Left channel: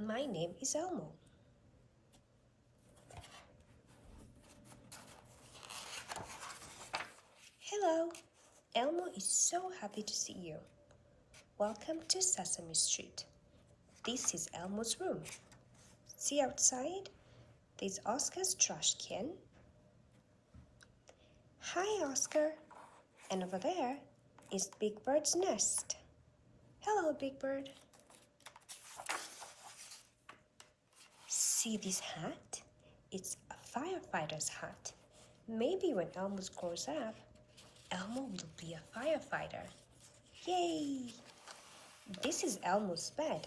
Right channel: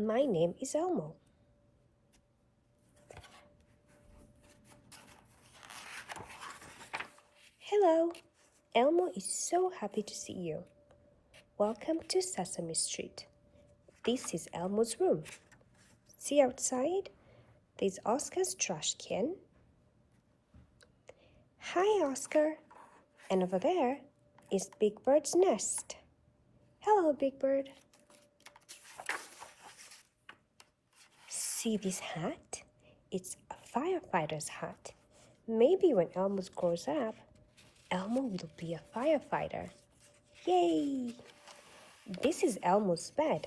My name is Elmo. Hello, Elmo is so happy to see you. Welcome to Sesame Street. This is Elmo's room. See outside? There's Oscar's trash can. Hi, Oscar. And over there is Big Bird's nest. Hello, Big Bird. See this hat? It's a firefighter's hat. Maybe when Elmo grows up, Elmo will be a firefighter. Yay! This is Elmo's bed.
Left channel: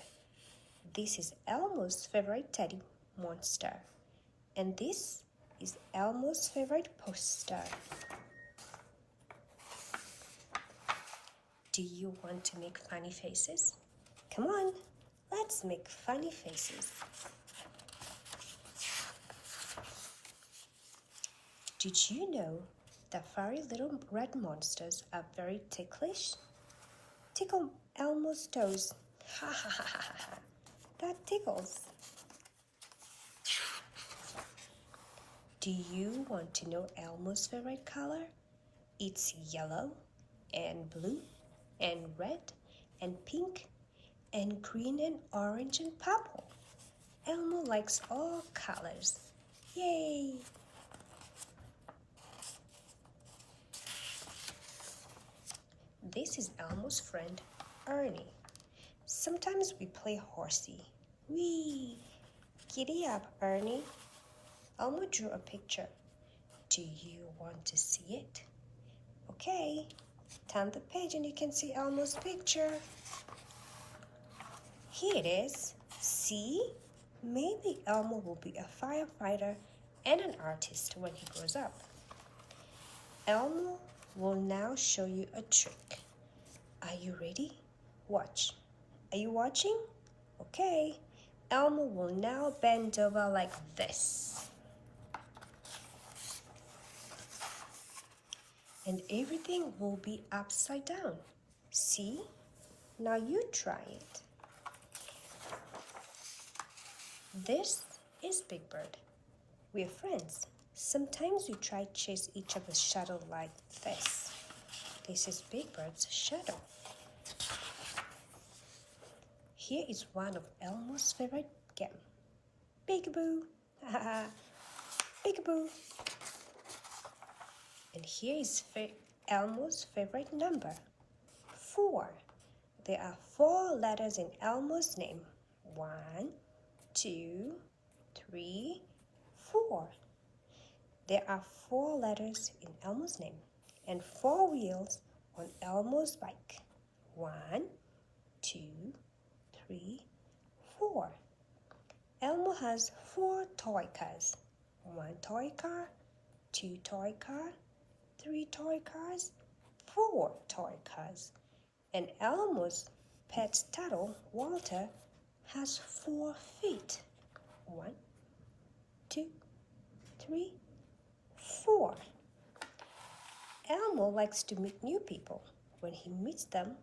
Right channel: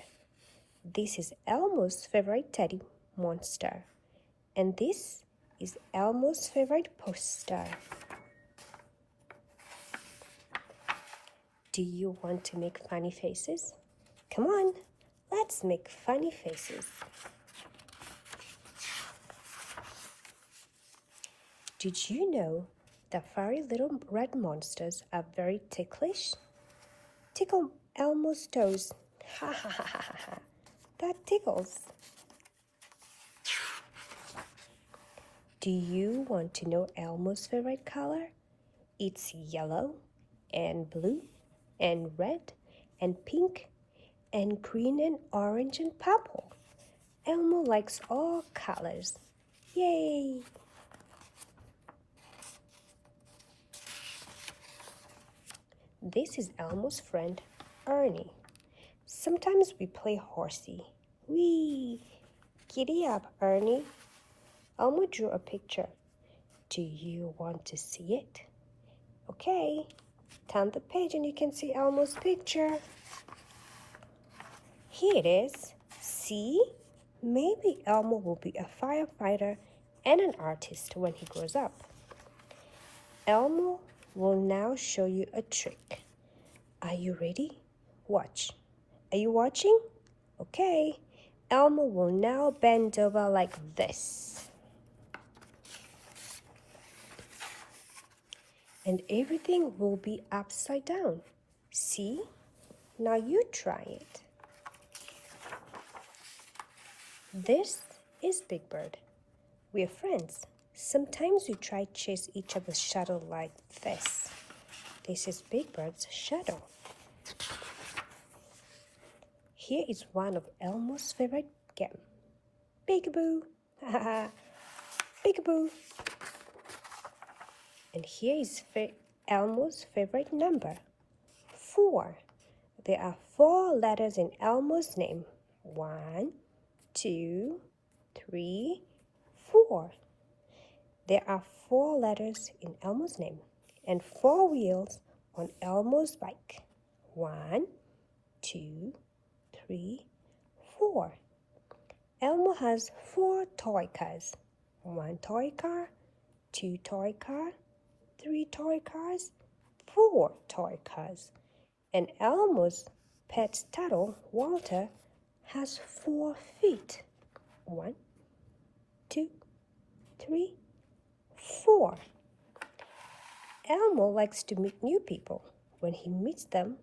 This is Elmo's favorite teddy monster. And this is Elmo's favorite poster. Do you want to make funny faces? Come on, let's make funny faces. Did you know that furry little red monsters are very ticklish? Tickle Elmo's toes. Ha ha ha ha ha. That tickles. Do you want to know Elmo's favorite color? It's yellow and blue and red and pink and green and orange and purple. Elmo likes all colors. Yay! This is Elmo's friend, Ernie. Sometimes we play horsey. Whee! Giddy up, Ernie. Elmo drew a picture. Do you want to see it? Okay, turn the page and you can see Elmo's picture. Here it is. See? Maybe Elmo will be a firefighter and an artist when he grows up. Elmo will now show you a trick. Are you ready? Watch. Are you watching? Okay. Elmo will now bend over like this. And everything will be upside down. See? Now you try it. This is Big Bird. We're friends. Sometimes we try to chase each other's shadow like this. This is Big Bird's shadow. Here is one of Elmo's favorite games. Peekaboo. Peekaboo. And here is Elmo's favorite number, 4. There are 4 letters in Elmo's name. 1, 2, 3, 4. There are 4 letters in Elmo's name and 4 wheels on Elmo's bike. 1, 2, 3, 4. Elmo has 4 toy cars. 1 toy car, 2 toy car, 3 toy cars, 4 toy cars. And Elmo's pet turtle, Walter, has 4 feet. 1, 2, 3, 4. Elmo likes to meet new people. When he meets them,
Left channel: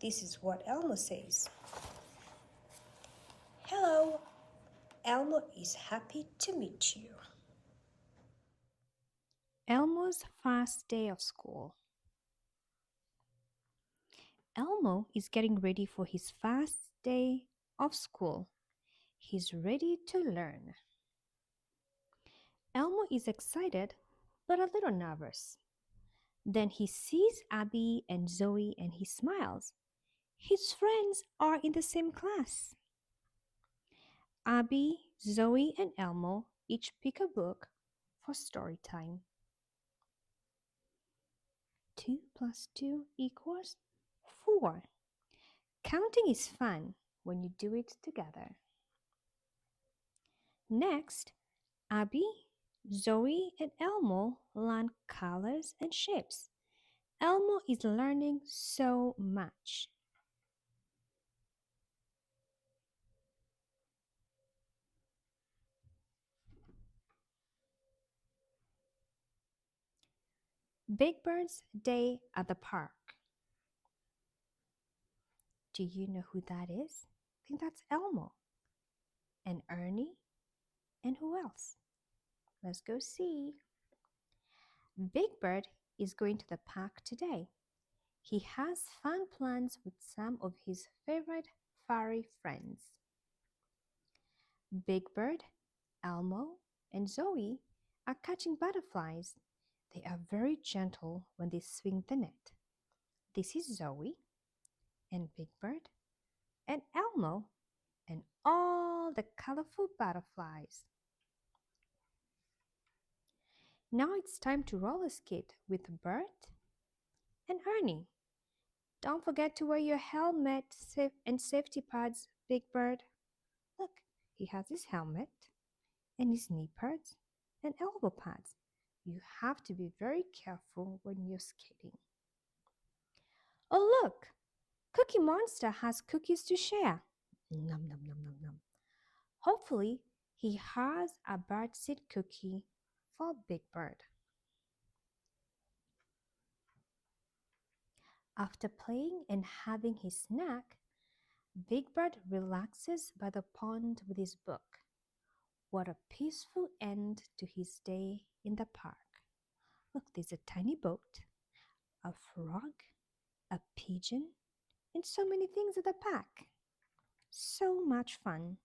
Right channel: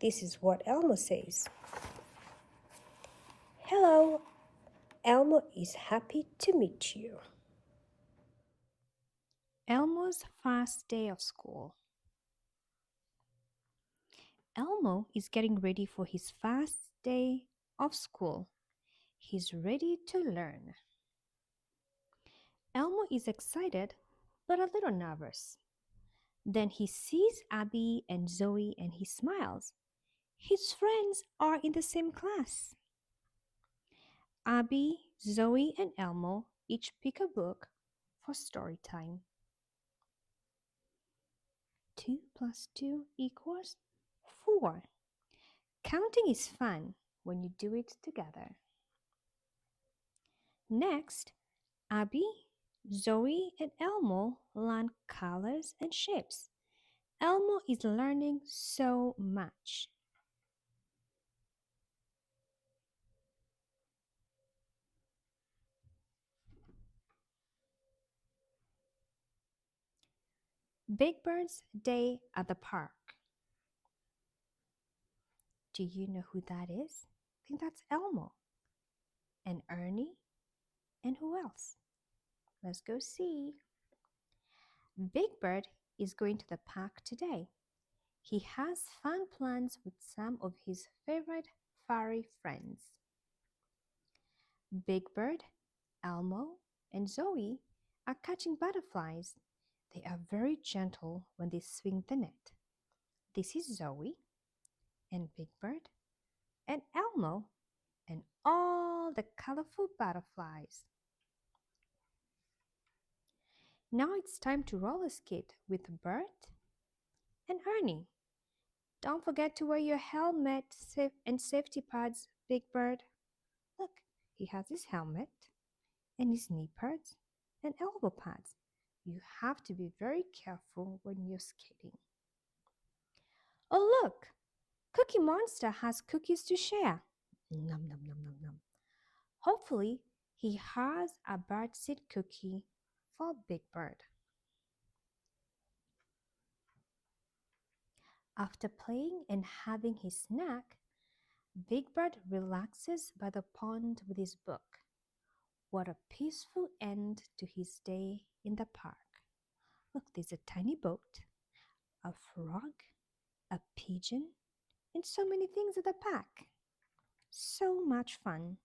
this is what Elmo says. Hello, Elmo is happy to meet you. Elmo's first day of school. Elmo is getting ready for his first day of school. He's ready to learn. Elmo is excited but a little nervous. Then he sees Abby and Zoe and he smiles. His friends are in the same class. Abby, Zoe, and Elmo each pick a book for story time. 2 plus 2 equals 4. Counting is fun when you do it together. Next, Abby, Zoe, and Elmo learn colors and shapes. Elmo is learning so much. Big Bird's Day at the Park. Do you know who that is? I think that's Elmo. and Ernie, and who else? Let's go see. Big Bird is going to the park today. He has fun plans with some of his favorite furry friends. Big Bird, Elmo, and Zoe are catching butterflies. They are very gentle when they swing the net. This is Zoe and Big Bird and Elmo and all the colorful butterflies. Now it's time to roller skate with Bert and Ernie. Don't forget to wear your helmet and safety pads, Big Bird. Look, he has his helmet and his knee pads and elbow pads. You have to be very careful when you're skating. Oh, look! Cookie Monster has cookies to share. Nom nom nom nom nom. Hopefully, he has a birdseed cookie for Big Bird. After playing and having his snack, Big Bird relaxes by the pond with his book. What a peaceful end to his day in the park. Look, there's a tiny boat, a frog, a pigeon, and so many things at the park. So much fun.